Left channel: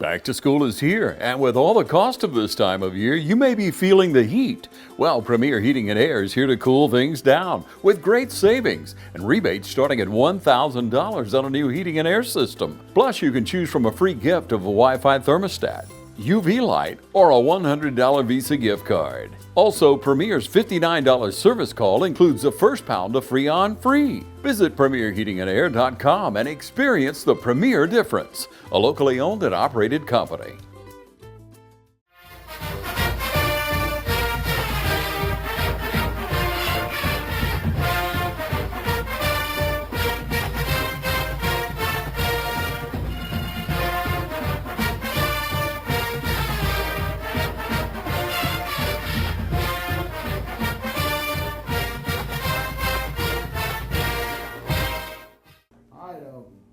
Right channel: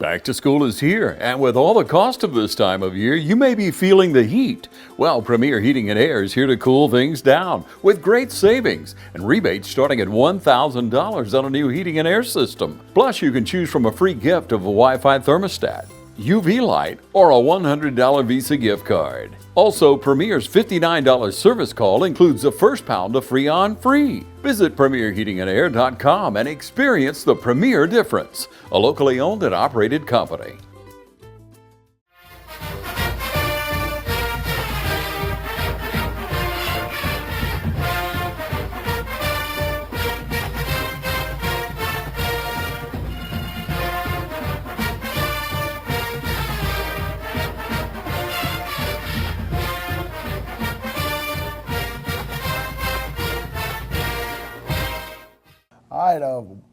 Back to school is here, and with all the cost of this time of year, you may be feeling the heat. Well, Premier Heating and Air is here to cool things down with great savings and rebates starting at $1,000 on a new heating and air system. Plus, you can choose from a free gift of a Wi-Fi thermostat, UV light, or a $100 Visa gift card. Also, Premier's $59 service call includes the first pound of Freon free. Visit PremierHeatingandAir.com and experience the Premier difference, a locally owned and operated company.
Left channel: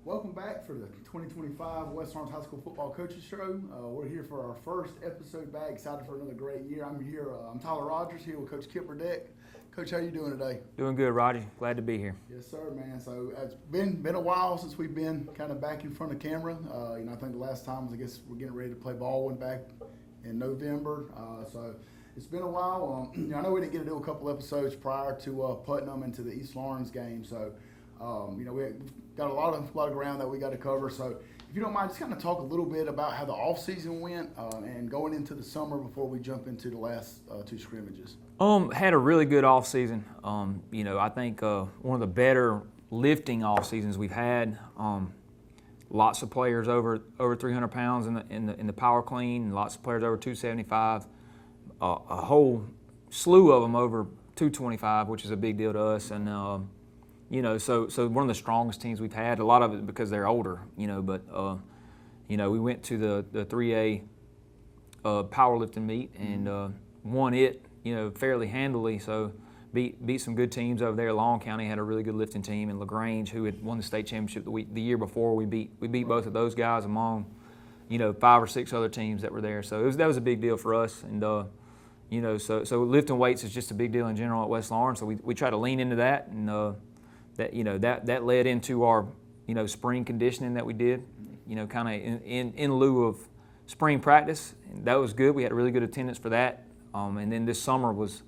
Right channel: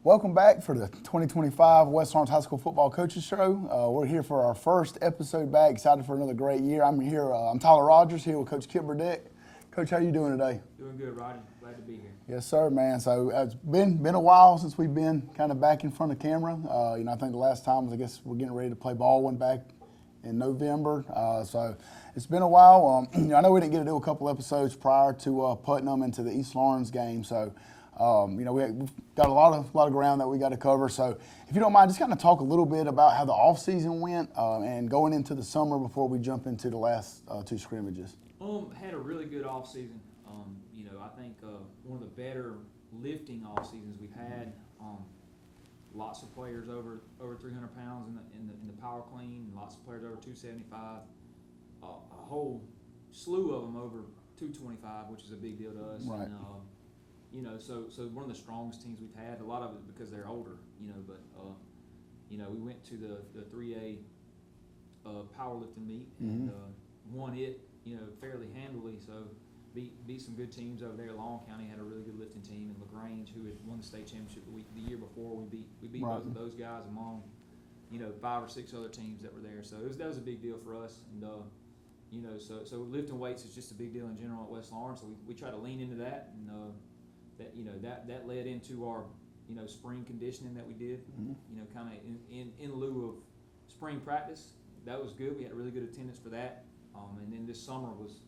Welcome back for the 2025 West Lawrence High School Football Coaches Show. We're here for our first episode back. Excited for another great year. I'm Tyler Rogers here with Coach Kip Burdick. Coach, how you doing today? Doing good, Roger. Glad to be here. Yes, sir, man. So it's been a while since we've been kind of back in front of camera. I think the last time was, I guess, we're getting ready to play ball one back in November. So it's been a while. I know we didn't get to do a couple episodes prior to Putnam and to the East Lawrence game. So we've got a lot of ground that we got to cover. So if you don't mind, just kind of talk a little bit about how the off season went and going into the summer before we jump into the last two scrimmages. Had a really good off season. I think one of the better lifting off seasons we've had. Lots of players over 300 pounds in the power clean. Lots of players over 275. A whole slew of them over 225, which is a big deal to us. Right. And so one of the strongest teams we've had. A lot of it because they're older, but we went to the 3A powerlifting meet and won it, fairly handily. So beat some good teams over there. Long County had a really good lifting team, and LaGrange, who had won the state championship the year before, we beat both of those guys among 5 or 6 other teams that were there. So that was a big deal for us, and so lifting weights is just a big deal in general at West Lawrence. So we try to lean into that, and that led into our spring conditioning that we did, kind of in lieu of spring practice. And that was good. We had a really good attendance for that, and then this summer was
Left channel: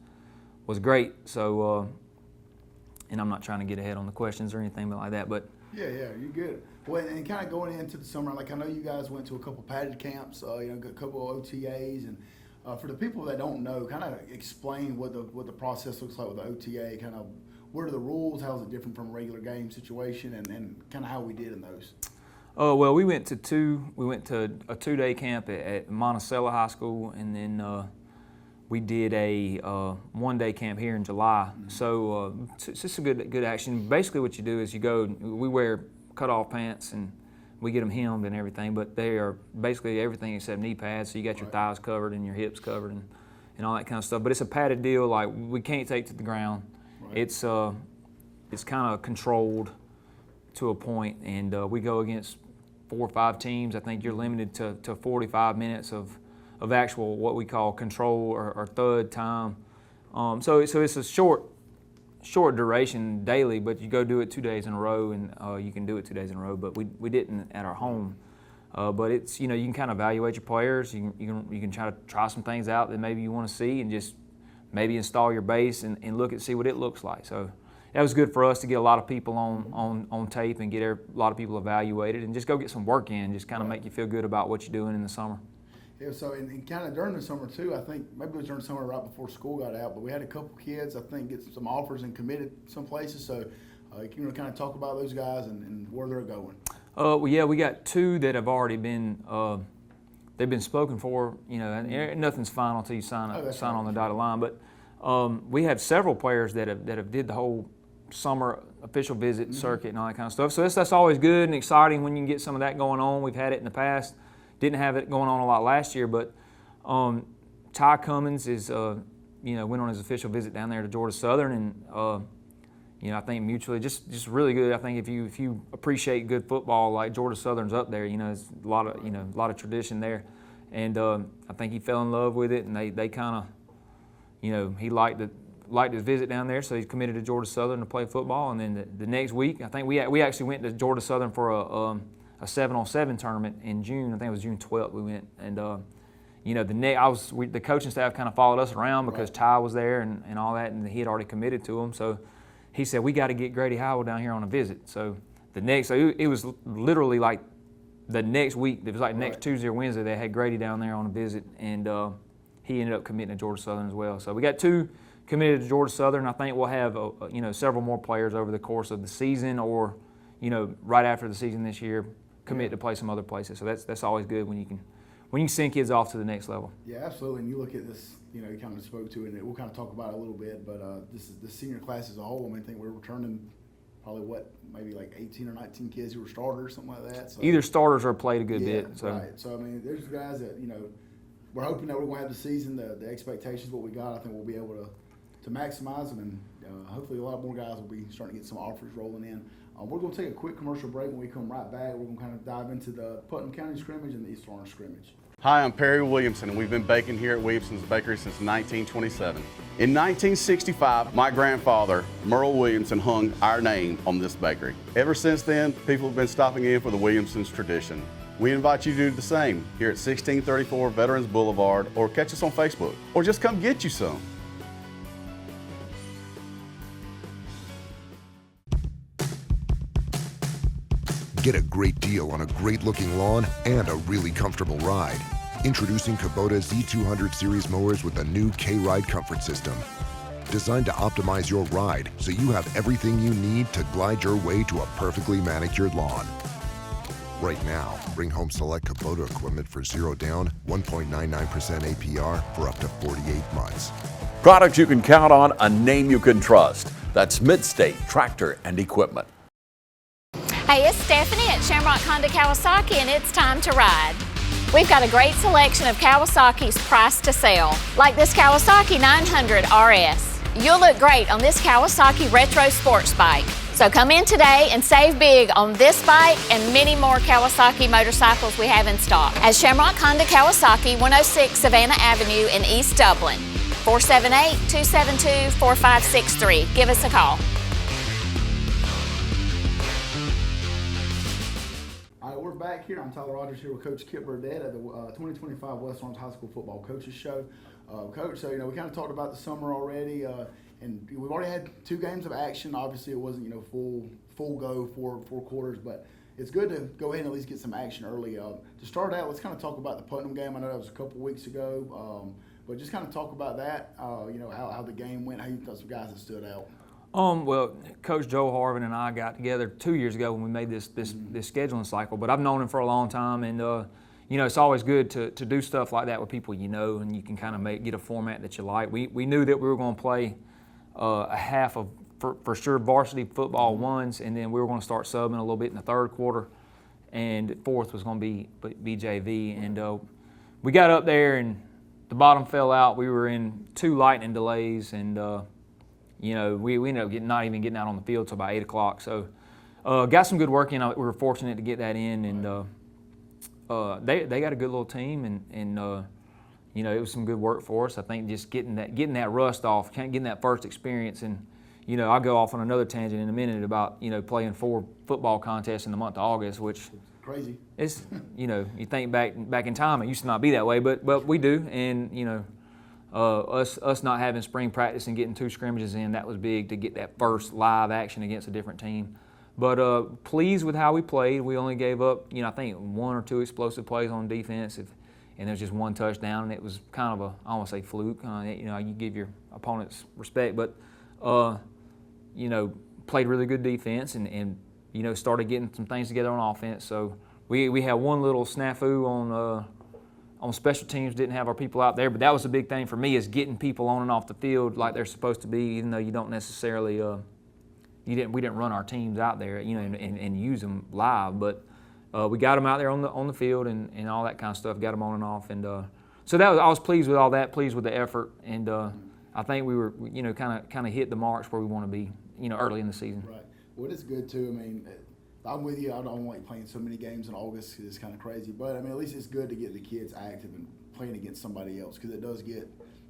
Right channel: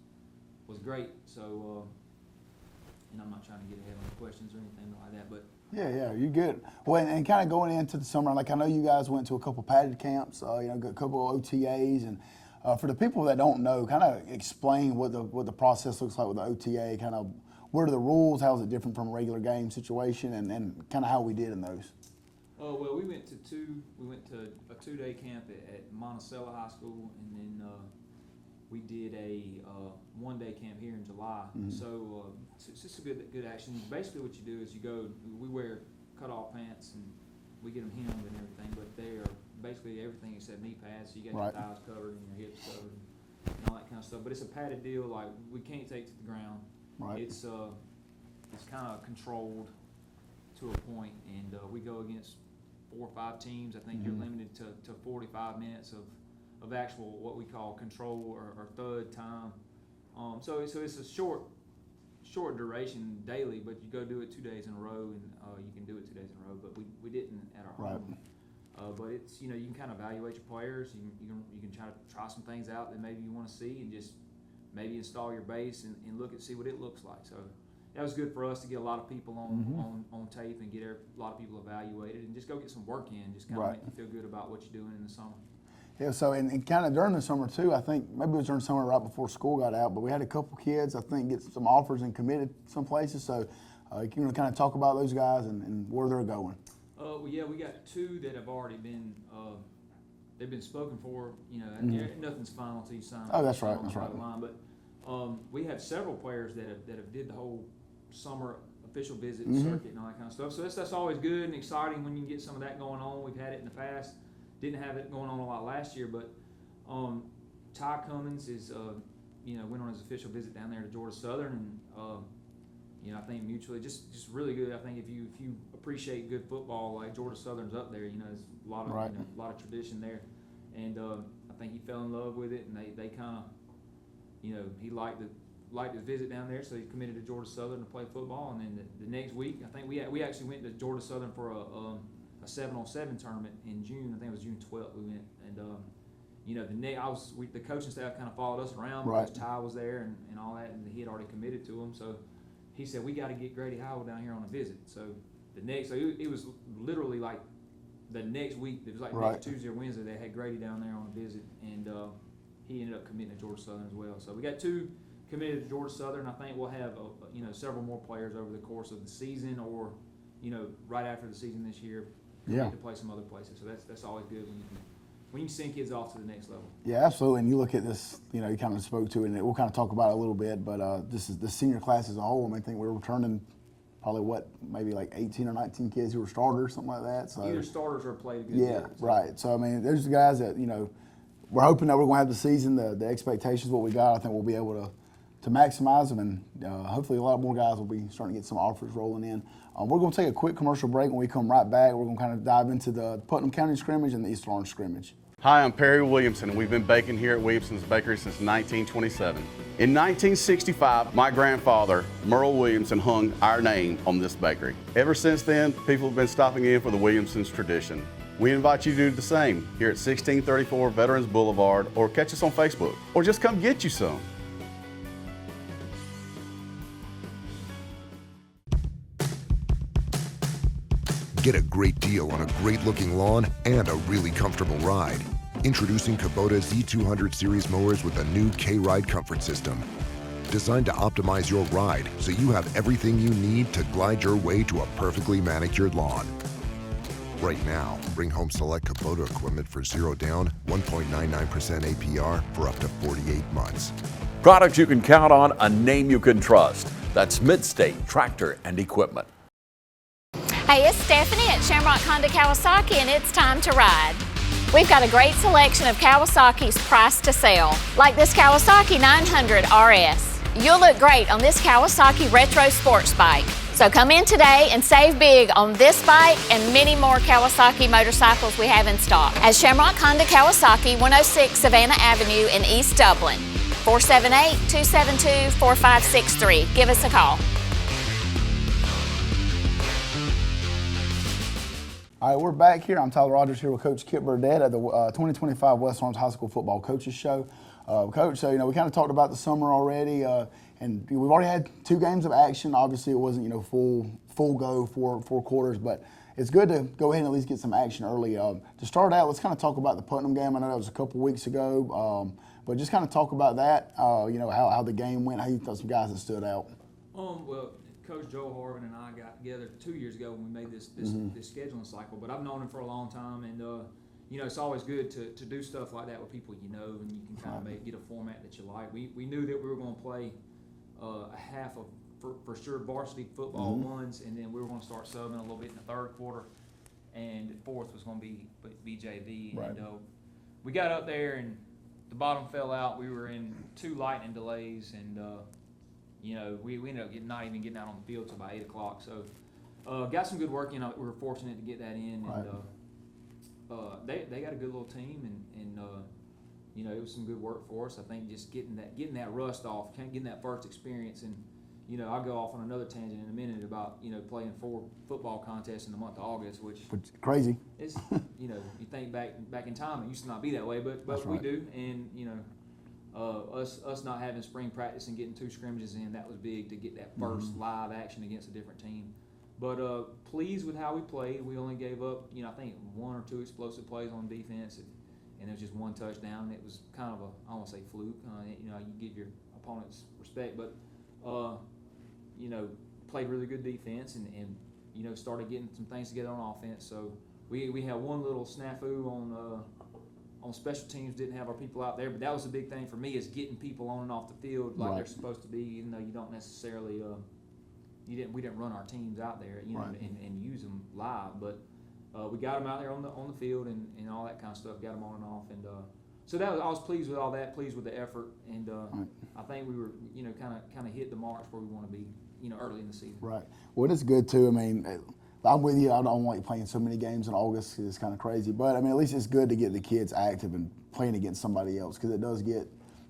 great. So, and I'm not trying to get ahead on the questions or anything like that, but yeah, you good. Well, and kind of going into the summer, like I know you guys went to a couple padded camps, a couple of OTAs, and for the people that don't know, kind of explain what the process looks like with the OTA, kind of. What are the rules? How is it different from a regular game situation, and kind of how we did in those? Oh, well, we went to a 2-day camp at Monticello High School, and then we did a 1-day camp here in July. Mm-hmm. So it's just a good action. Basically, what you do is we wear cutoff pants and we get them hemmed and everything, but they are basically everything except knee pads. So you got your thighs covered and your hips covered and all that kind of stuff. But it's a padded deal. Like we can't take to the ground. Right. It's kind of controlled to a point, and we go against 4 or 5 teams. I think you're limited to 45 minutes of actual what we call control or thud time. So it's a short duration daily, but you go do it 2 days in a row, and you can do it 2 days in a row. But we didn't at our home. But it's you can kind of evaluate your players. You can try some things out that maybe you want to see, and just maybe install your base and look and see what it looks like. So that was good for us to get a lot of people on tape and get a lot of people evaluated and just go get some work in, just kind of make you feel good about what you're doing in the summer. Yeah, so and kind of during the summer too, I think maybe it was during the summer right before school got out, but we had a couple kids, I think, get some offers and committed some places. So can you kind of talk about those guys and where they're going? We got 2 that have already been they've been spoken for, and nothing's final until you sign on the dotted line. But we have several players that have did the whole summer official visit circuit and all that kind of stuff. So that's always good and exciting when you can get some of that going on. We've had it in the past. Didn't have it going on a lot last year, but Ty Cummins is went on his official visit down there to Georgia Southern, and I think mutually just really good. I think if you appreciate good football, like Georgia Southern's up there, there's a lot of a lot of tradition there, and I think he fell in love with it, and they kind of he liked his visit down there, so he's committed to Georgia Southern to play football. And then the next week, I think we actually went to Georgia Southern for a 7-on-7 tournament in June. I think it was June 12th we went. And, the coaching staff kind of followed us around because Ty was there and all that, and he had already committed to them. So he said, we got to get Grady Howell down here on a visit. So it was literally like the next week. It was like next Tuesday or Wednesday they had Grady down there on a visit, and he ended up committing to Georgia Southern as well. So we got 2 committed to Georgia Southern. I think we'll have several more players over the course of the season, or right after the season this year, commit to play some other places. So that's always good when you can send kids off to the next level. Yeah, absolutely. And you look at this, you kind of spoke to it, and we'll kind of talk about it a little bit, but this is the senior class as a whole. I mean, I think we're returning probably maybe like 18 or 19 kids who were starters, something like that. So, either starters or played a good bit. So. Right. So, I mean, there's the guys that, we're hoping that we're going to have the season, the expectations, what we got. I think we'll be able to maximize them, and hopefully a lot more guys will be starting to get some offers rolling in. We're going to take a quick commercial break. When we come right back, we're going to kind of dive into the Putnam County scrimmage and the East Lawrence scrimmage. Hi, I'm Perry Williamson, and we've been baking here at Williamson's Bakery since 1927. In 1965, my grandfather, Merle Williamson, hung our name on this bakery. Ever since then, people have been stopping in for the Williamson's tradition. We invite you to do the same here at 1634 Veterans Boulevard, or catch us on Facebook, or just come get you some. Get a great deal on a great-looking lawn and a really comfortable ride. Introducing Kubota Z200 Series mowers with a new K-Ride comfort system. Designed to optimize your ride so you have everything you need to glide your way to a perfectly manicured lawn. Right now, bring home select Kubota equipment for 0 down, 1.99% APR for up to 48 months. Products you can count on, a name you can trust. That's Midstate Tractor and Equipment. Hey, it's Stephanie at Shamrock Honda Kawasaki, and it's time to ride. We've got a great selection of Kawasaki's price to sell, like this Kawasaki 900 RS. You'll look great on this Kawasaki Retro Sports bike. So come in today and save big on this bike and many more Kawasaki motorcycles we have in stock at Shamrock Honda Kawasaki, 106 Savannah Avenue in East Dublin. 478-272-4563. Give us a call. All right, we're back here. I'm Tyler Rogers here with Coach Kip Burdett at the 2025 West Lawrence High School Football Coaches Show. Coach, so, we kind of talked about the summer already, and we've already had 2 games of action. Obviously, it wasn't, full go for 4 quarters, but it's good to go ahead and at least get some action early. To start out, let's kind of talk about the Putnam game. I know that was a couple weeks ago, but just kind of talk about that, how the game went, how you thought some guys that stood out. Well, Coach Joe Harvin and I got together 2 years ago when we made this scheduling cycle, but I've known him for a long time, and it's always good to do stuff like that with people and you can kind of get a format that you like. We knew that we were going to play a half of, for sure, varsity football ones, and then we were going to start subbing a little bit in the third quarter, and fourth was going to be BJV, right. And we got up there and the bottom fell out. We were in 2 lightning delays, and we ended up not even getting out on the field till about 8 o'clock. So got some good work in. We were fortunate to get that in, and they got a good little team, and it was some good work for us. I think just getting that rust off, getting that first experience, and I'll go off on another tangent in a minute about playing 4 football contests in the month of August, which crazy. It's you think back in time, it used to not be that way, but we do, and us not having spring practice and getting 2 scrimmages in, that was big to get that first live action against a different team. But pleased with how we played. We only gave up, I think 1 or 2 explosive plays on defense, and there was just 1 touchdown, and it was kind of I don't want to say fluke. You give your opponents respect, but played really good defense, and started getting some things together on offense. So we had 1 little snafu on special teams, didn't have our people out there, but that was a big thing for me, is getting people on and off the field like they're supposed to be, even though you don't necessarily we didn't run our teams out there, and use them live, but we got them out there on the field and all that kind of stuff, got them on and off, and so I was pleased with all that, pleased with the effort, and I think we were kind of hit the marks where we want to be early in the season. Right. Well, it's good too. I mean, I'm with you. I don't like playing so many games in August. It's kind of crazy, but I mean, at least it's good to get the kids active and playing against somebody else, because it does get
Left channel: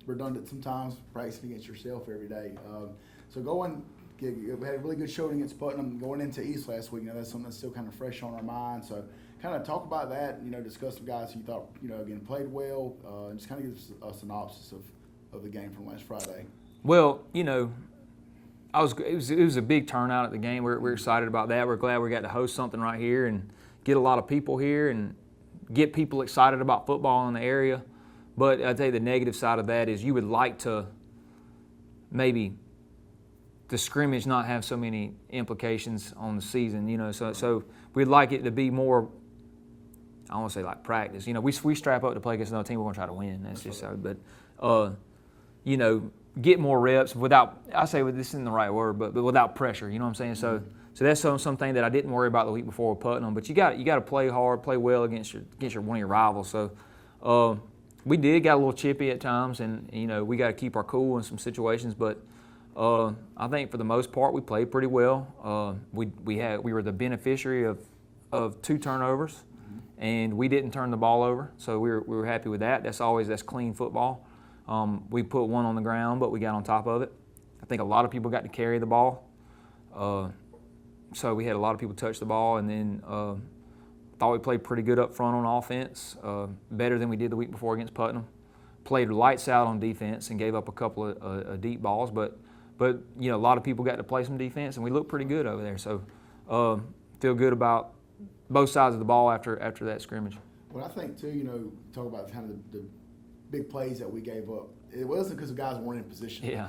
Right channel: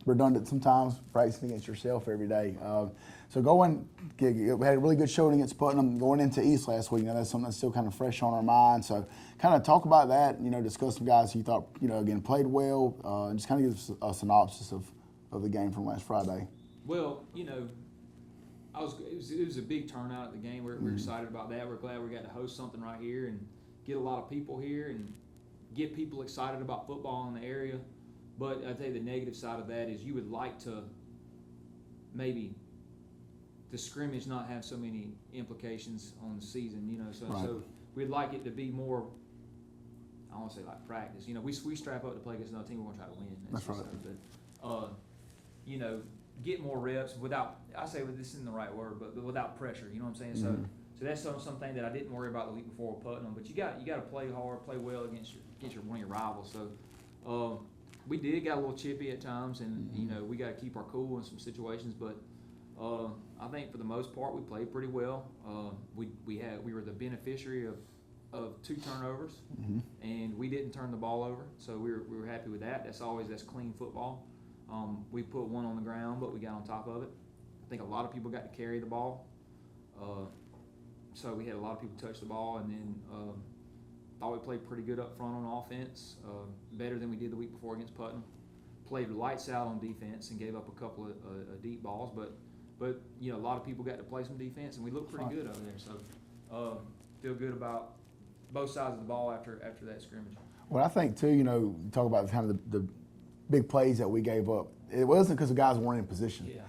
redundant sometimes, practicing against yourself every day. So we had a really good showing against Putnam going into East last week. Now that's something that's still kind of fresh on our mind. So kind of talk about that, discuss some guys who you thought, again, played well, and just kind of give us a synopsis of the game from last Friday. Well, it was a big turnout at the game. We're excited about that. We're glad we got to host something right here and get a lot of people here and get people excited about football in the area. But I'd tell you the negative side of that is you would like to maybe the scrimmage not have so many implications on the season, so we'd like it to be more, I don't want to say like practice. We strap up to play against another team, we're going to try to win. That's just so. But, get more reps without, I say this isn't the right word, but without pressure, you know what I'm saying? So that's something that I didn't worry about the week before with Putnam, but you got to play hard, play well against one of your rivals. So we got a little chippy at times, and we got to keep our cool in some situations, but I think for the most part we played pretty well. We were the beneficiary of 2 turnovers, and we didn't turn the ball over, so we were happy with that. That's clean football. We put 1 on the ground, but we got on top of it. I think a lot of people got to carry the ball, so we had a lot of people touch the ball, and then thought we played pretty good up front on offense, better than we did the week before against Putnam. Played lights out on defense and gave up a couple of deep balls, but a lot of people got to play some defense, and we looked pretty good over there. So feel good about both sides of the ball after that scrimmage. Well, I think too, you talk about kind of the big plays that we gave up. It wasn't because the guys weren't in position. Yeah.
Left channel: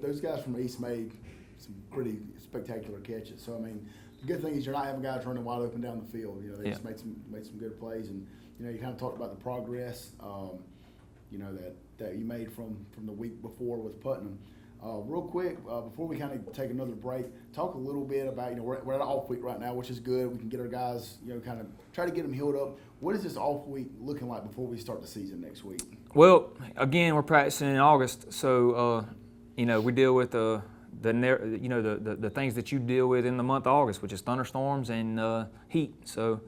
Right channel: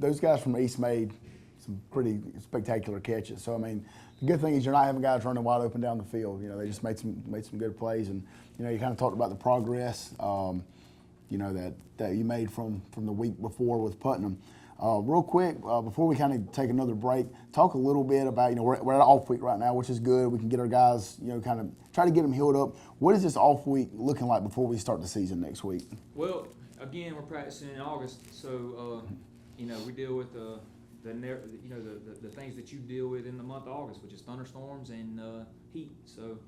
Those guys from East made some pretty spectacular catches. So the good thing is you're not having guys running wide open down the field. They just made some good plays, and you kind of talked about the progress. That you made from the week before with Putnam. Real quick, before we kind of take another break, talk a little bit about, we're at an off week right now, which is good. We can get our guys, kind of try to get them healed up. What is this off week looking like before we start the season next week? Well, again, we're practicing in August, so we deal with the things that you deal with in the month of August, which is thunderstorms and heat. So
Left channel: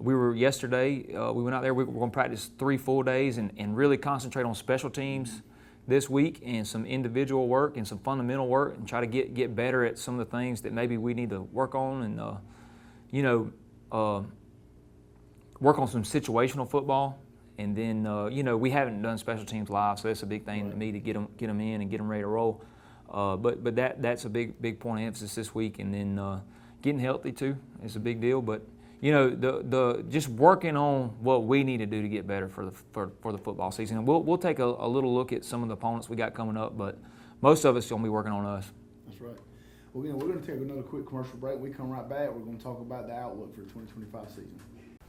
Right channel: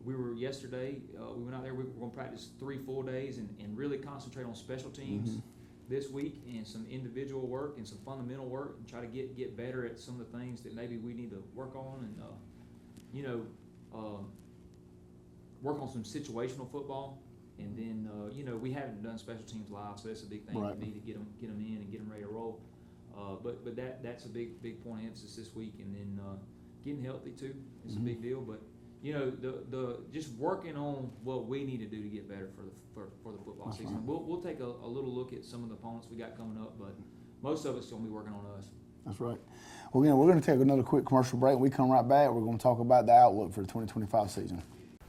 we were yesterday. We went out there. We were going to practice 3 full days and really concentrate on special teams this week and some individual work and some fundamental work and try to get better at some of the things that maybe we need to work on and work on some situational football. And then we haven't done special teams live, so that's a big thing to me to get them in and get them ready to roll. But that's a big point of emphasis this week, and then getting healthy too is a big deal. But the just working on what we need to do to get better for the football season. And we'll take a little look at some of the opponents we got coming up, but most of it's going to be working on us. That's right. Well, we're going to take another quick commercial break. When we come right back, we're going to talk about the outlook for the 2025 season.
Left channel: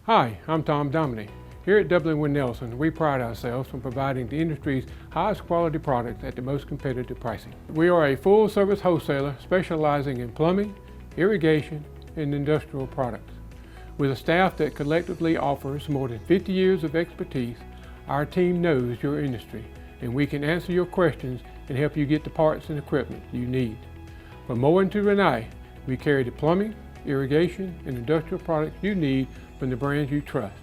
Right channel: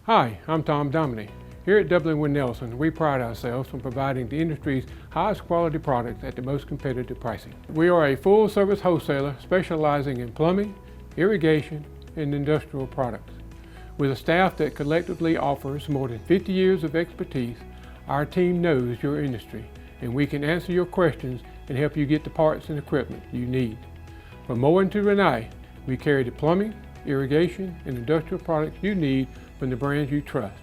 Hi, I'm Tom Dominy. Here at W.D.I.G. Nelson, we pride ourselves on providing the industry's highest quality products at the most competitive pricing. We are a full-service wholesaler specializing in plumbing, irrigation, and industrial products. With a staff that collectively offers more than 50 years of expertise, our team knows your industry, and we can answer your questions and help you get the parts and equipment you need. From mowing to Renee, we carry the plumbing, irrigation, and industrial products you need from the brands you trust.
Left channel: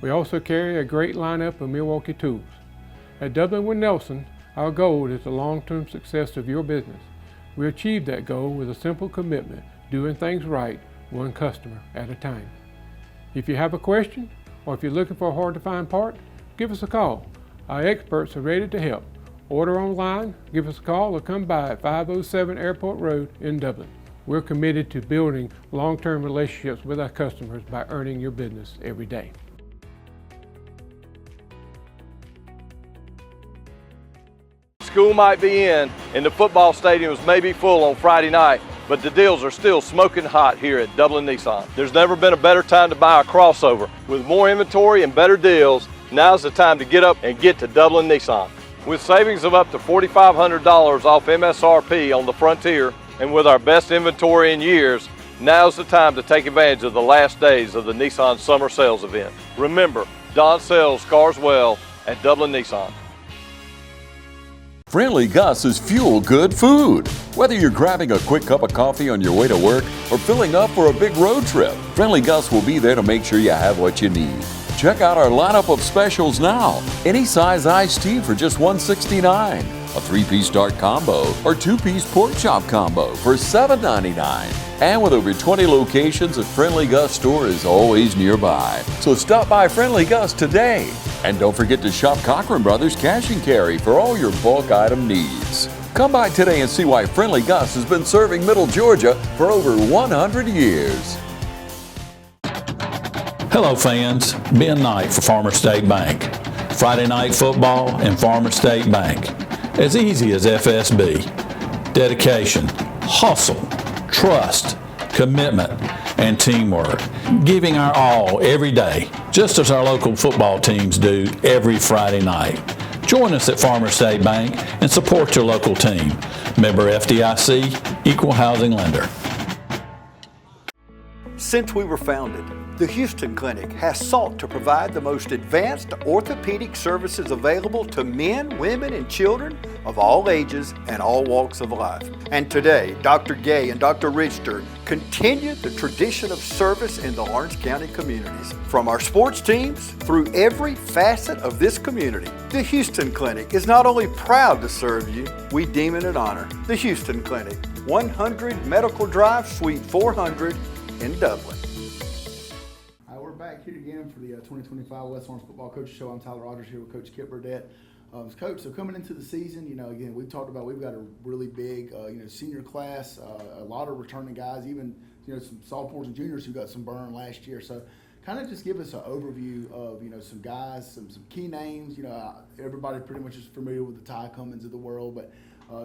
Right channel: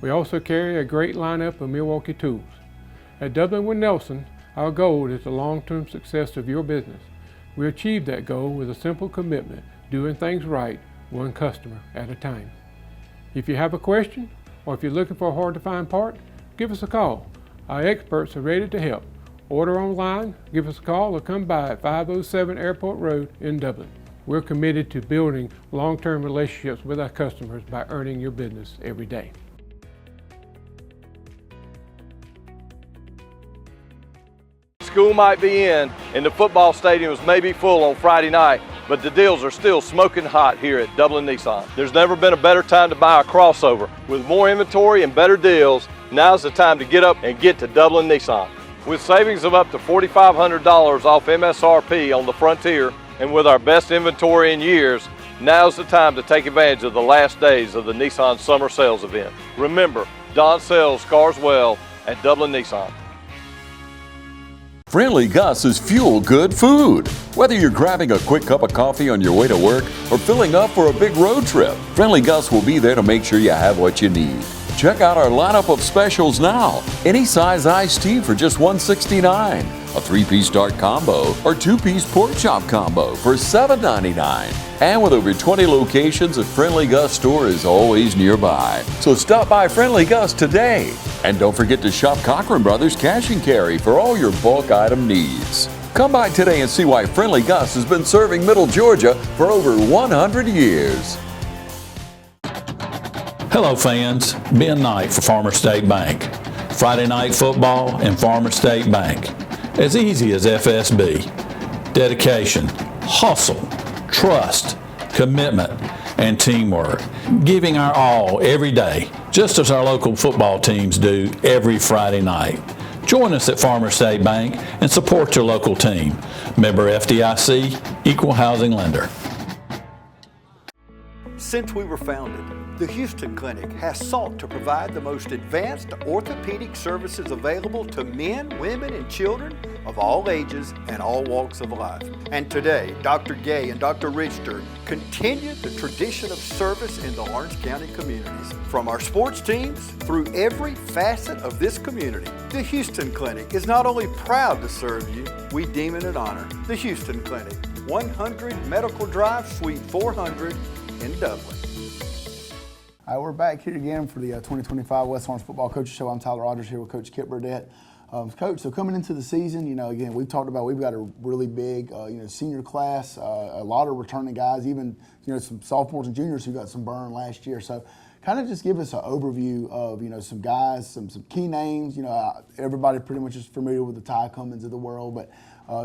We also carry a great lineup of Milwaukee tools. At W.D.I.G. Nelson, our goal is the long-term success of your business. We achieve that goal with a simple commitment, doing things right, one customer at a time. If you have a question, or if you're looking for a hard-to-find part, give us a call. Our experts are ready to help. Order online, give us a call, or come by at 507 Airport Road in Dublin. We're committed to building long-term relationships with our customers by earning your business every day. School might be in and the football stadiums may be full on Friday night, but the deals are still smoking hot here at Dublin Nissan. There's never been a better time to buy a crossover. With more inventory and better deals, now's the time to get up and get to Dublin Nissan. With savings of up to $4,500 off MSRP on the Frontier, and with our best inventory in years, now's the time to take advantage of the last days of the Nissan Summer Sales event. Remember, Don sells cars well at Dublin Nissan. Friendly Gus is fuel good food. Whether you're grabbing a quick cup of coffee on your way to work or filling up for a big road trip, Friendly Gus will be there to make sure you have what you need. Check out our lineup of specials now. Any size iced tea for just $1.69, a 3-piece dark combo or 2-piece pork chop combo for $7.99. And with over 20 locations, a Friendly Gus store is always nearby. So stop by Friendly Gus today. And don't forget to shop Cochran Brothers Cash and Carry for all your bulk item needs. Come by today and see why Friendly Gus has been serving Middle Georgia for over 100 years. Hello fans, Ben Knight for Farmer State Bank. Friday night football and Farmer State Bank. As easy as FSB. Dedication, hustle, trust, commitment, and teamwork. Giving our all every day, just as our local football teams do every Friday night. Join us at Farmer State Bank and support your local team. Member FDIC, Equal Housing Lender. Since we were founded, the Houston Clinic has sought to provide the most advanced orthopedic services available to men, women, and children of all ages and all walks of life. And today, Dr. Gay and Dr. Richter continue the tradition of service in the Orange County communities. From our sports teams through every facet of this community, the Houston Clinic is not only proud to serve you, we deem it an honor. The Houston Clinic, 100 Medical Drive, Suite 400 in Dublin. All right, we're back here again for the 2025 West Orange Football Coaches Show. I'm Tyler Rogers here with Coach Kip Burdett. Coach, so coming into the season, again, we've talked about we've got a really big, senior class, a lot of returning guys, even, some sophomores and juniors who got some burn last year. So kind of just give us an overview of, some guys, some key names. Everybody pretty much is familiar with the Ty Cummins of the world, but,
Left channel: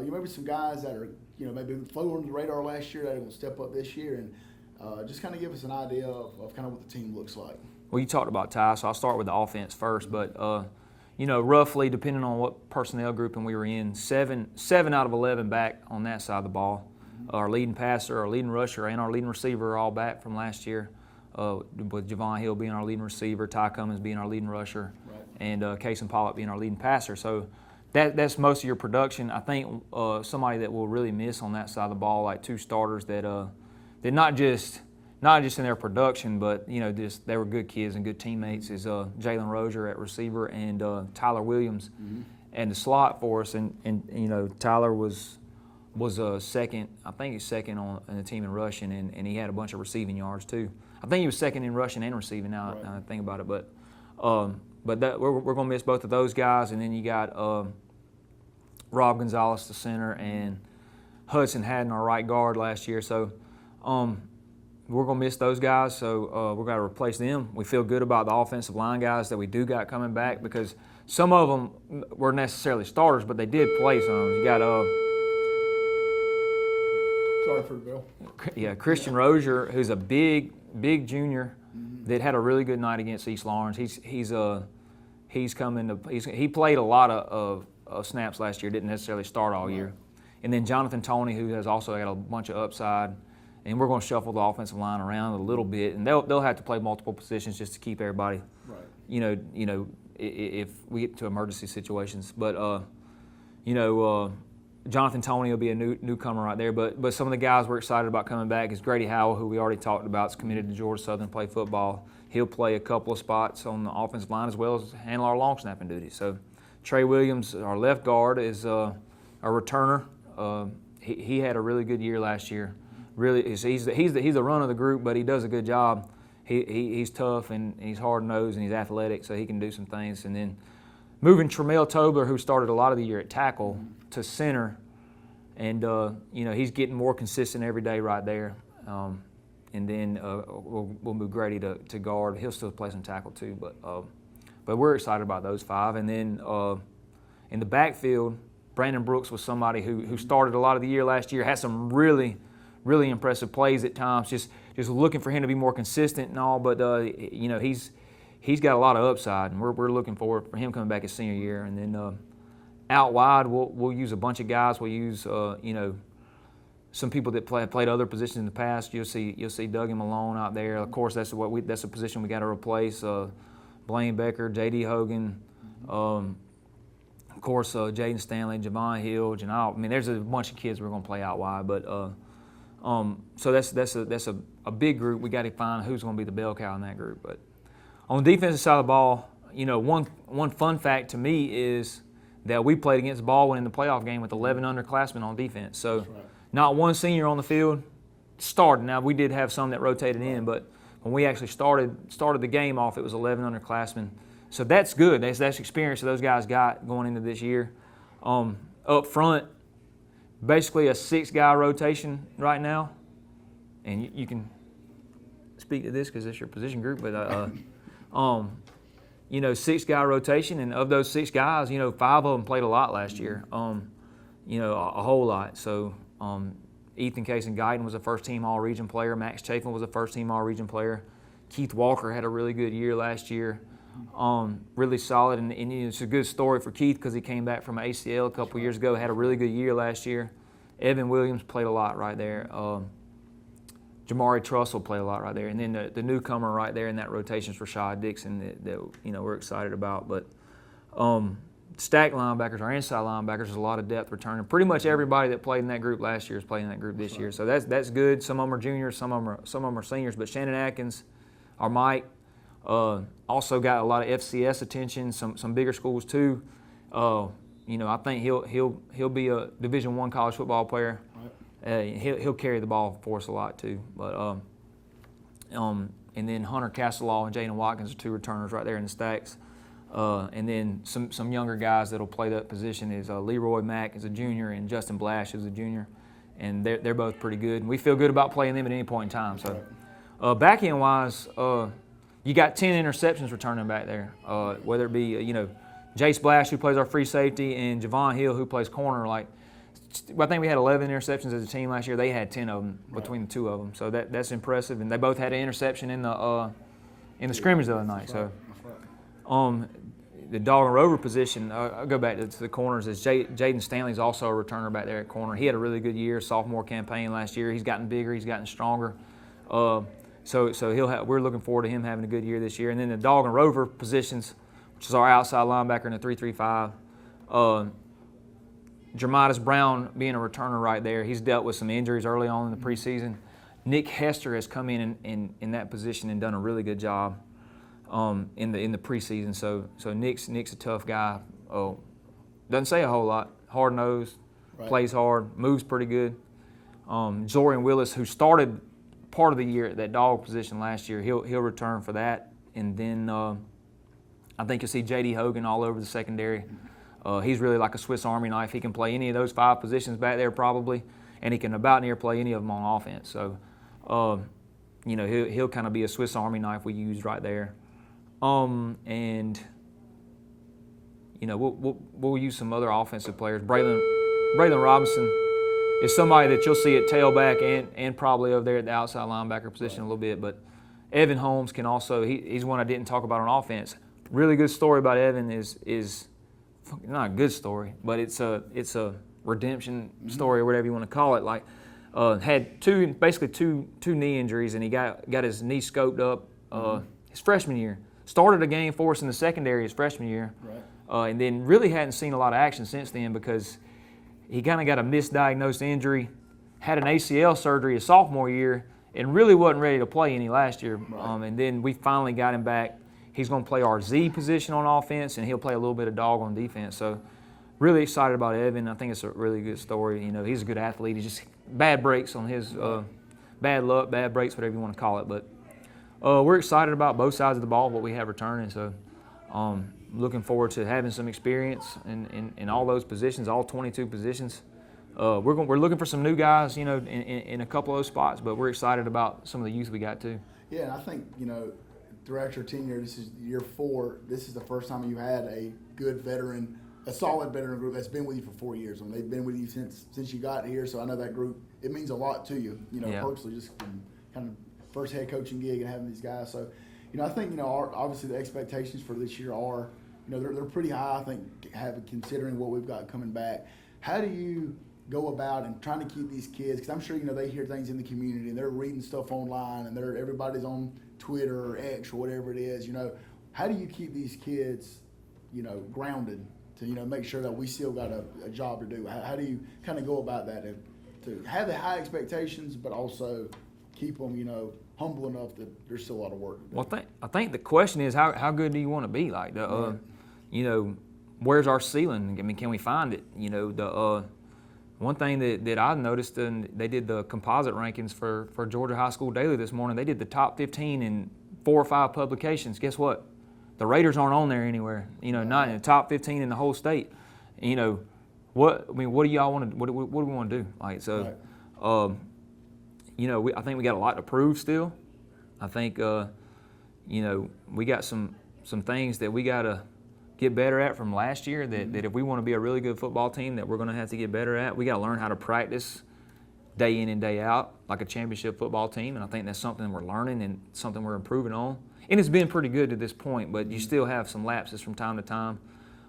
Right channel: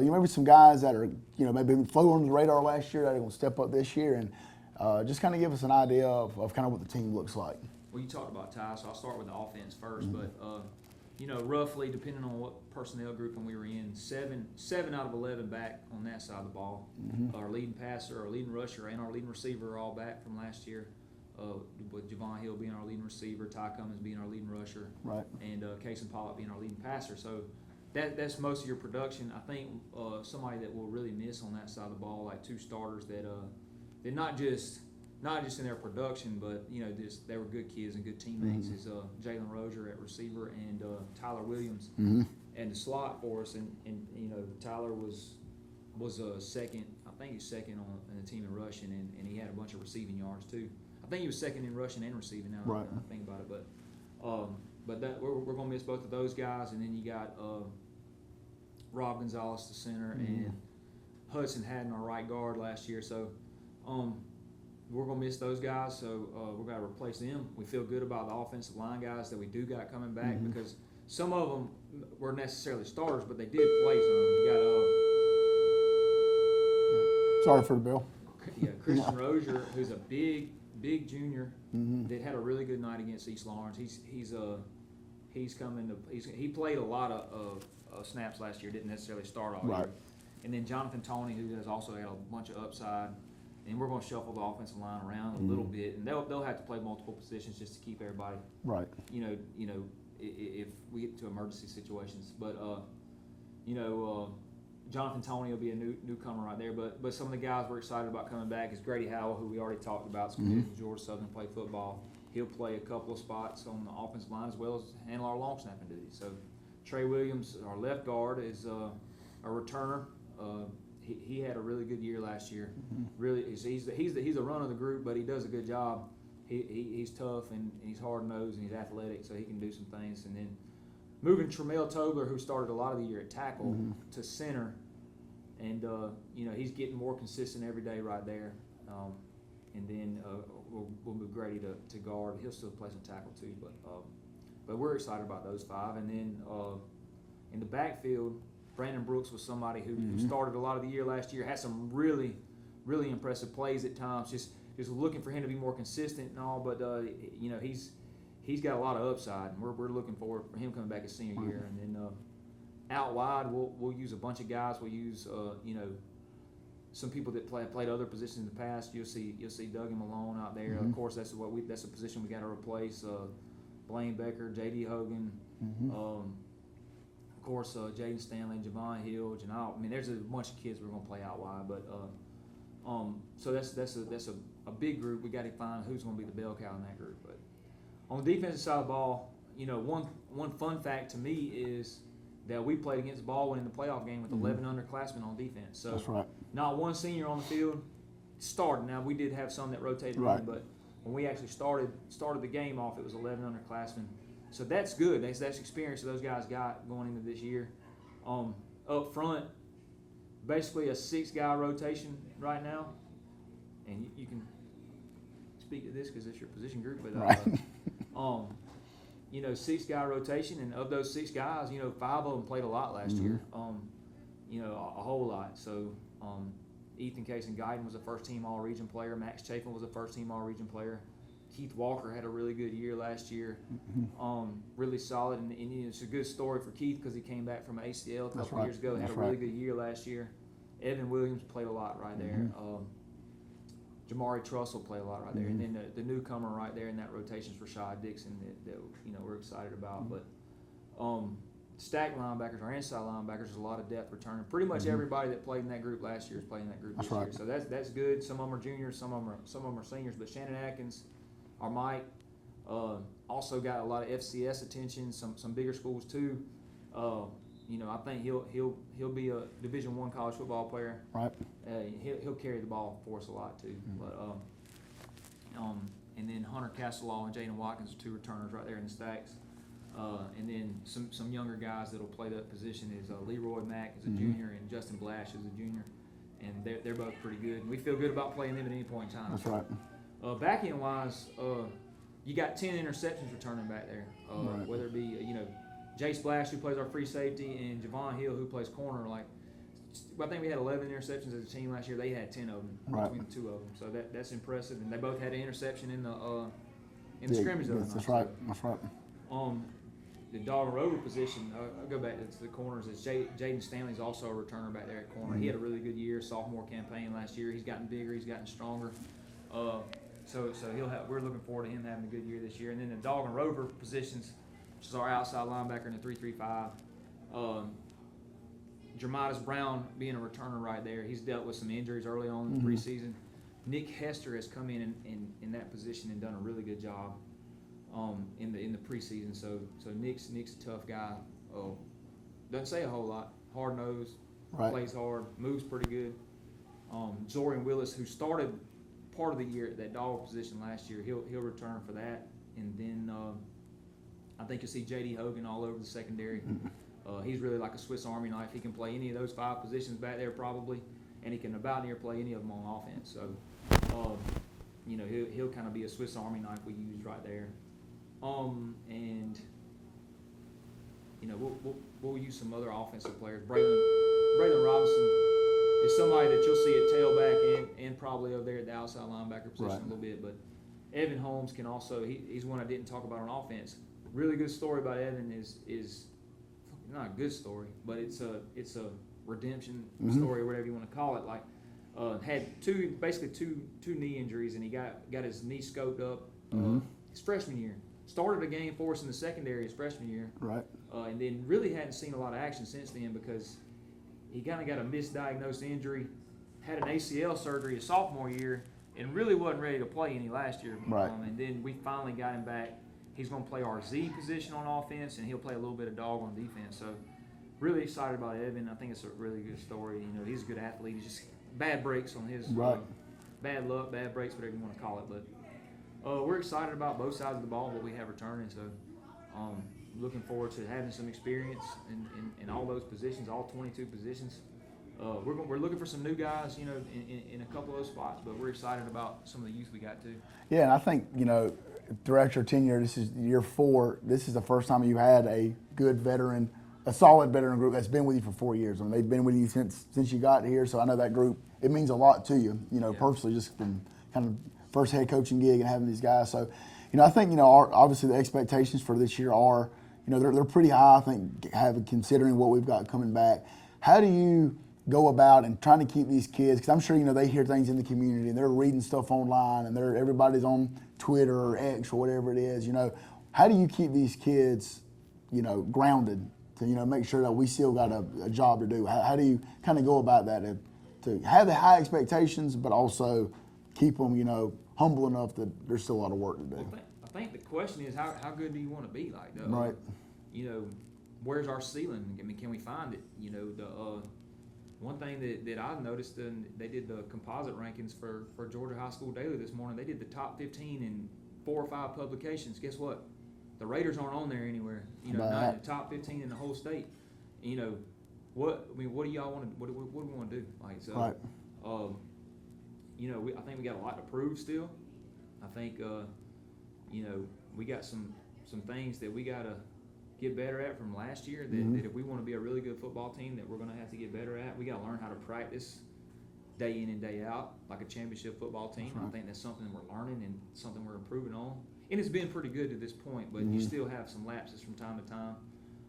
maybe some guys that are, maybe flew under the radar last year that are going to step up this year and just kind of give us an idea of kind of what the team looks like. Well, you talked about Ty, so I'll start with the offense first. But, roughly, depending on what personnel grouping we were in, seven out of 11 back on that side of the ball. Our leading passer, our leading rusher, and our leading receiver are all back from last year, with Javon Hill being our leading receiver, Ty Cummins being our leading rusher, right, and Cason Pollock being our leading passer. So that's most of your production. I think somebody that we'll really miss on that side of the ball, like two starters that they're not just in their production, but they were good kids and good teammates. Is Jalen Rozier at receiver and Tyler Williams and the slot for us. And Tyler was second. I think he's second on the team in rushing, and he had a bunch of receiving yards too. I think he was second in rushing and receiving. Now right. I think about it, but we're going to miss both of those guys. And then you got Rob Gonzalez, the center, and Hudson Haddon, our right guard last year. So. We're going to miss those guys, so we're going to replace them. We feel good about the offensive line guys that we do got coming back because some of them were necessarily starters, but they did play some. You got sorry for the bill. Yeah, Christian Rozier, who's a big junior that had a really good night against East Lawrence. He played a lot of snaps last year. Didn't necessarily start all year. And then Jonathan Toney, who has also had a bunch of upside. And we're going to shuffle the offensive line around a little bit, and they'll have to play multiple positions just to keep everybody right. If we get to emergency situations. But Jonathan Toney will be a newcomer right there. But some of the guys we're excited about coming back is Grady Howell, who we already talked about, is committed to Georgia Southern to play football. He'll play a couple of spots on the offensive line as well as handle our long snapping duty. So Trey Williams, our left guard, is a returner. He had a really good year last year. Really, he's the run of the group, but he does a good job. He's tough and he's hard nosed and he's athletic, so he can do some things. And then moving Tremel Tobler, who started a lot of the year at tackle, to center, and he's getting more consistent every day right there. And then we'll move Grady to guard. He'll still play some tackle too, but we're excited about those five. And then in the backfield, Brandon Brooks was somebody who started a lot of the year last year, had some really impressive plays at times, just looking for him to be more consistent and all, but he's got a lot of upside, and we're looking forward for him coming back his senior year. And then out wide, we'll use a bunch of guys. We'll use some people that played other positions in the past. You'll see Doug and Malone out there. Of course, that's a position we got to replace. Blaine Becker, J.D. Hogan. Of course, Jaden Stanley, Javon Hill, Janelle. I mean, there's a bunch of kids we're going to play out wide, but so that's a big group. We got to find who's going to be the bell cow in that group. But On the defensive side of the ball, one fun fact to me is that we played against Baldwin in the playoff game with 11 underclassmen on defense. So That's right. not one senior on the field started. Now, we did have some that rotated Right. in, but when we actually started the game off, it was 11 underclassmen. So that's good. That's experience that those guys got going into this year. Up front, basically a 6-guy rotation right now. And you can speak to this because it's your position group, but 6-guy rotation, and of those 6 guys, 5 of them played a lot last year. A whole lot. So Ethan Case and Guyton was a first-team All-Region player. Max Chafin was a first-team All-Region player. Keith Walker had a really good year last year, really solid. And it's a good story for Keith because he came back from an ACL a couple years ago, had a really good year last year. Evan Williams played a lot right there. Jamari Trussell played a lot right there. And then the newcomer right there in that rotation is Rashad Dixon that we're excited about. But stack linebackers, our inside linebackers, there's a lot of depth returning. Pretty much everybody that played in that group last year is playing in that group this year. So that's good. Some of them are juniors, some of them are seniors. But Shannon Atkins, our Mike, also got a lot of FCS attention. Some bigger schools too. I think he'll be a Division I college football player. Right. He'll carry the ball for us a lot too. But and then Hunter Castelaw and Jaden Watkins are 2 returners right there in the stacks. And then some younger guys that'll play that position is Leroy Mack is a junior and Justin Blash is a junior, and they're both pretty good. And we feel good about playing them at any point in time. That's so, right. Back end wise, you got 10 interceptions returning back there. Whether it be Jace Blash, who plays our free safety, and Javon Hill, who plays corner. I think we had 11 interceptions as a team last year. They had 10 of them between the 2 of them. So that's impressive. And they both had an interception in the scrimmage the other night. That's right. So, the dog and rover position, I'll go back to the corners, is Jaden Stanley's also a returner back there at corner. He had a really good year, sophomore campaign last year. He's gotten bigger, he's gotten stronger. So we're looking forward to him having a good year this year. And then the dog and rover positions, which is our outside linebacker in the 3-3-5. Jermidas Brown being a returner right there. He's dealt with some injuries early on in the preseason. Nick Hester has come in that position and done a really good job in the preseason. So Nick's a tough guy. Doesn't say a whole lot. Hard nosed, plays hard, moves pretty good. Zorian Willis, who started part of the year at that dog position last year, he'll return for that. And then I think you'll see J.D. Hogan all over the secondary. He's really like a Swiss Army knife. He can play any of those 5 positions back there probably, and he can about near play any of them on offense. So, he'll kind of be a Swiss Army knife we use right there. And we'll use some other offensive players. Braylon Robinson is somebody that you'll see at tailback and probably over there at the outside linebacker position a little bit. But Evan Holmes can also, he's one I didn't talk about on offense. Really good story about Evan is not a good story, but it's a redemption story or whatever you want to call it. Had two knee injuries, and he got his knee scoped up his freshman year. Started a game for us in the secondary his freshman year, and then really hadn't seen a lot of action since then because he kind of got a misdiagnosed injury, had an ACL surgery his sophomore year, and really wasn't ready to play any last year. And then we finally got him back. He's going to play our Z position on offense, and he'll play a little bit of dog on defense. So really excited about Evan. I think it's a really good story. He's a good athlete. He's just bad breaks on his bad luck, bad breaks, whatever you want to call it. But we're excited about both sides of the ball, what we have returning. So looking forward to having some experience in all those positions, all 22 positions. We're looking for some new guys, in a couple of those spots, but we're excited about some of the youth we got too. Yeah, and I think, throughout your tenure, this is year 4, this is the first time you had a good veteran, a solid veteran group that's been with you for 4 years. I mean, they've been with you since you got here, so I know that group, it means a lot to you, personally, just from kind of first head coaching gig and having these guys. So, I think, obviously the expectations for this year are, they're pretty high, I think, considering what we've got coming back. How do you go about and trying to keep these kids, because I'm sure, they hear things in the community and they're reading stuff online and everybody's on Twitter or X or whatever it is, how do you keep these kids, grounded to, make sure that we still got a job to do? How do you kind of go about that to have the high expectations, but also keep them, humble enough that there's still a lot of work to do. Well, I think the question is how good do you want to be? Like, you know, where's our ceiling? I mean, can we find it? You know, one thing that I noticed, and they did the composite rankings for Georgia High School Daily this morning. They did the top 15 in 4 or 5 publications. Guess what? The Raiders aren't on there anywhere. You know, not in the top 15 in the whole state. You know, what do y'all want to? What do we want to do? Like, so, Right. you know, I think we got a lot to prove still. I think, you know, we got some things that we got to get better at from last year that if we want to be a really good football team that we're going to have to get better at. We got to learn how to practice day in and day out like a championship football team, and I think that's something we're learning and something we're improving on. And it's been pretty good to this point, but you still have some lapses from time to time,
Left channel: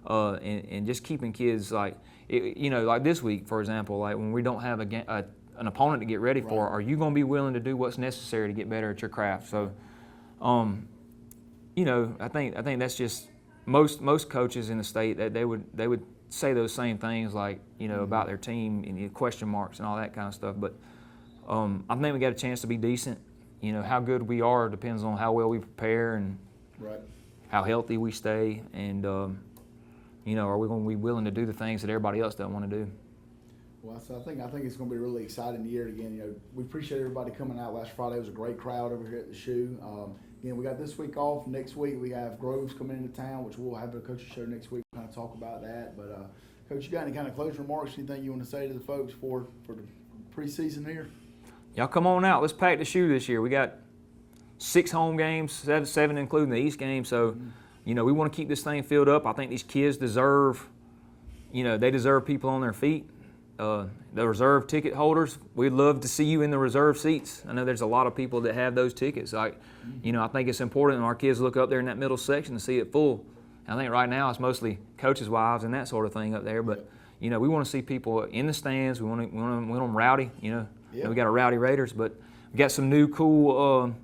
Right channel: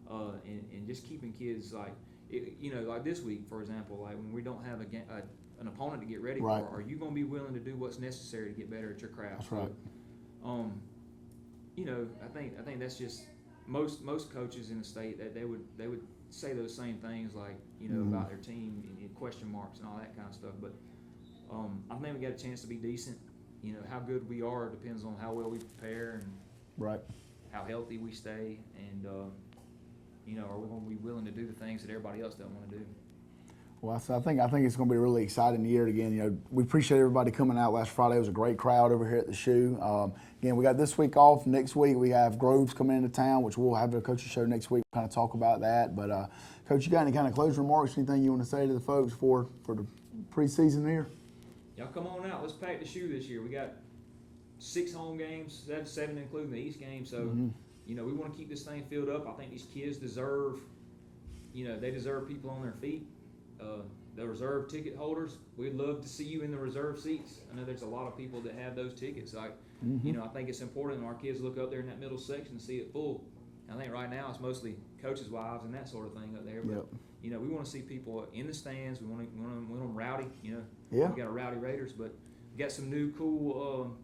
and just keeping kids like, you know, like this week, for example, like when we don't have an opponent to get ready for, are you going to be willing to do what's necessary to get better at your craft? So, you know, I think that's just most coaches in the state that they would say those same things, like, you know, about their team and question marks and all that kind of stuff. But I think we got a chance to be decent. You know, how good we are depends on how well we prepare and how healthy we stay, and you know, are we going to be willing to do the things that everybody else doesn't want to do? Well, so I think it's going to be a really exciting year again. You know, we appreciate everybody coming out last Friday. It was a great crowd over here at the shoe. Again, we got this week off. Next week we have Groves coming into town, which we'll have a coaching show next week. Kind of talk about that. But Coach, you got any kind of closing remarks? Anything you want to say to the folks for the preseason here? Y'all come on out. Let's pack the shoe this year. We got 6 home games, 7 including the East game. So, you know, we want to keep this thing filled up. I think these kids deserve, you know, they deserve people on their feet. The reserve ticket holders, we'd love to see you in the reserve seats. I know there's a lot of people that have those tickets. Like, you know, I think it's important when our kids look up there in that middle section to see it full. I think right now it's mostly coaches' wives and that sort of thing up there. But, you know, we want to see people in the stands. We want them rowdy, you know. We got a rowdy Raiders, but we got some new cool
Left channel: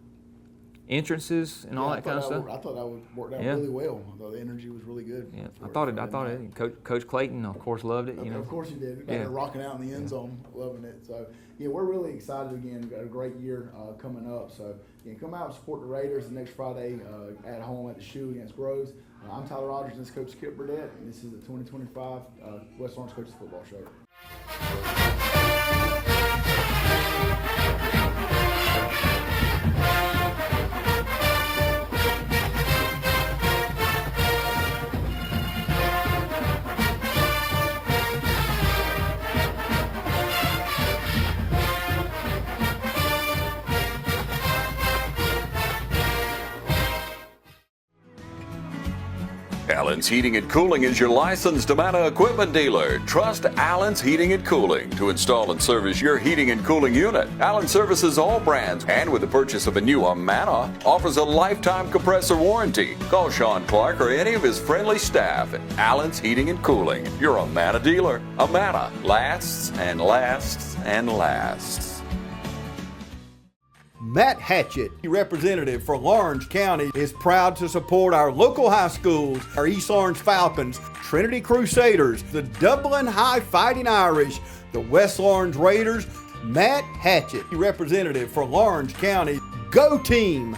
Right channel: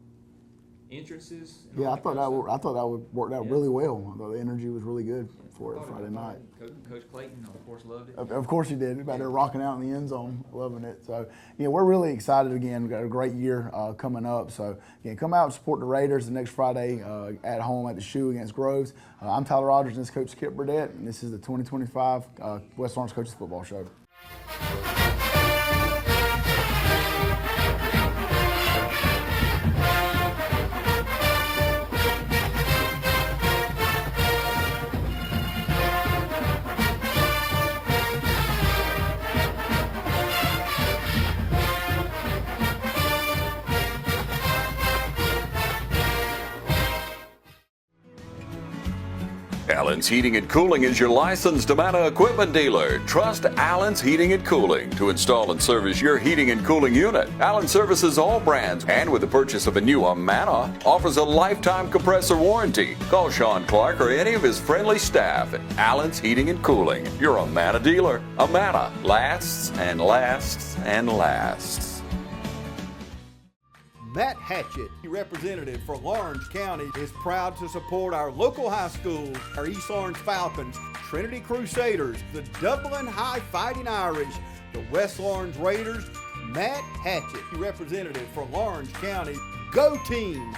entrances and all that kind of stuff. I thought that would work out really well. I thought the energy was really good. Yeah, I thought it. Coach Clayton, of course, loved it. Of course he did. They're rocking out in the end zone, loving it. So, yeah, we're really excited again. We've got a great year coming up. So, again, come out and support the Raiders the next Friday at home at the shoe against Groves. I'm Tyler Rogers, and this is Coach Kip Burdett, and this is the 2025 West Orange Coaches Football Show. Allen's Heating and Cooling is your licensed Amana equipment dealer. Trust Allen's Heating and Cooling to install and service your heating and cooling unit. Allen services all brands, and with the purchase of a new Amana, offers a lifetime compressor warranty. Call Sean Clark or any of his friendly staff at Allen's Heating and Cooling, your Amana dealer. Amana lasts and lasts and lasts. Matt Hatchett, representative for Lawrence County, is proud to support our local high schools, our East Orange Falcons, Trinity Crusaders, the Dublin High Fighting Irish, the West Orange Raiders. Matt Hatchett, representative for Lawrence County. Go team!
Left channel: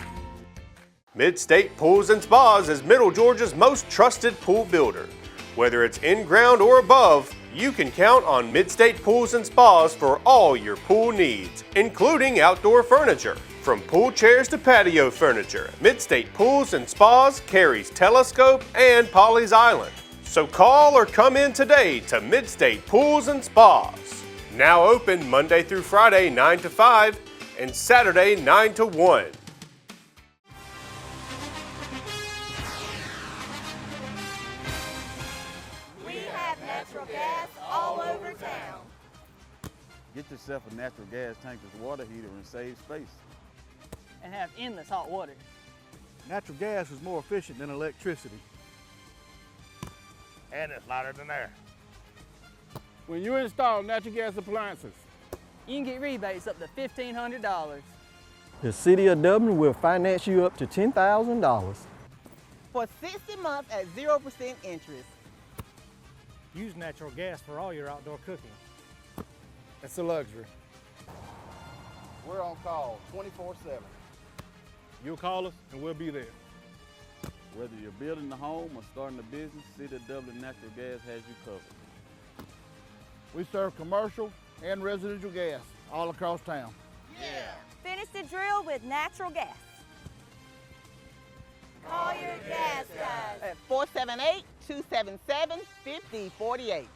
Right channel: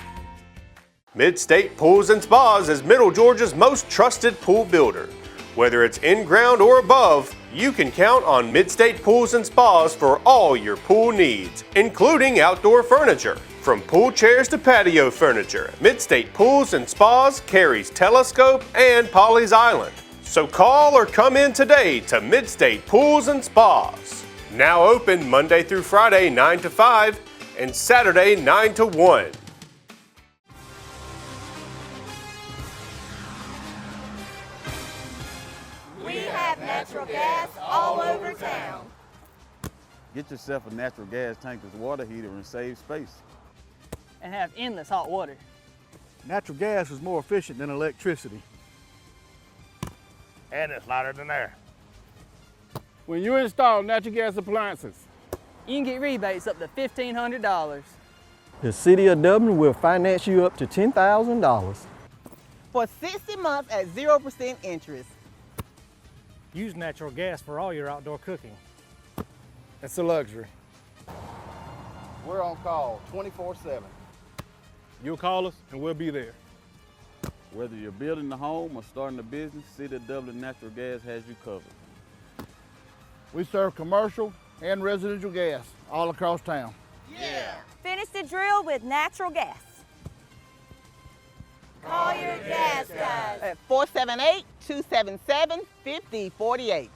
Mid-State Pools and Spas is Middle Georgia's most trusted pool builder. Whether it's in-ground or above, you can count on Mid-State Pools and Spas for all your pool needs, including outdoor furniture. From pool chairs to patio furniture, Mid-State Pools and Spas carries Telescope and Polly's Island. So call or come in today to Mid-State Pools and Spas. Now open Monday through Friday 9 to 5 and Saturday 9 to 1. Natural gas all over town. Get yourself a natural gas tankless water heater and save space. And have endless hot water. Natural gas is more efficient than electricity. And it's lighter than air. When you install natural gas appliances, you can get rebates up to $1,500. The City of Dublin will finance you up to $10,000. For 60 months at 0% interest. Use natural gas for all your outdoor cooking. It's a luxury. We're on call 24/7. You'll call us and we'll be there. Whether you're building a home or starting a business, City of Dublin Natural Gas has you covered. We serve commercial and residential gas all across town. Yeah. Finish the drill with natural gas. Call your gas guys At 478-277-5048.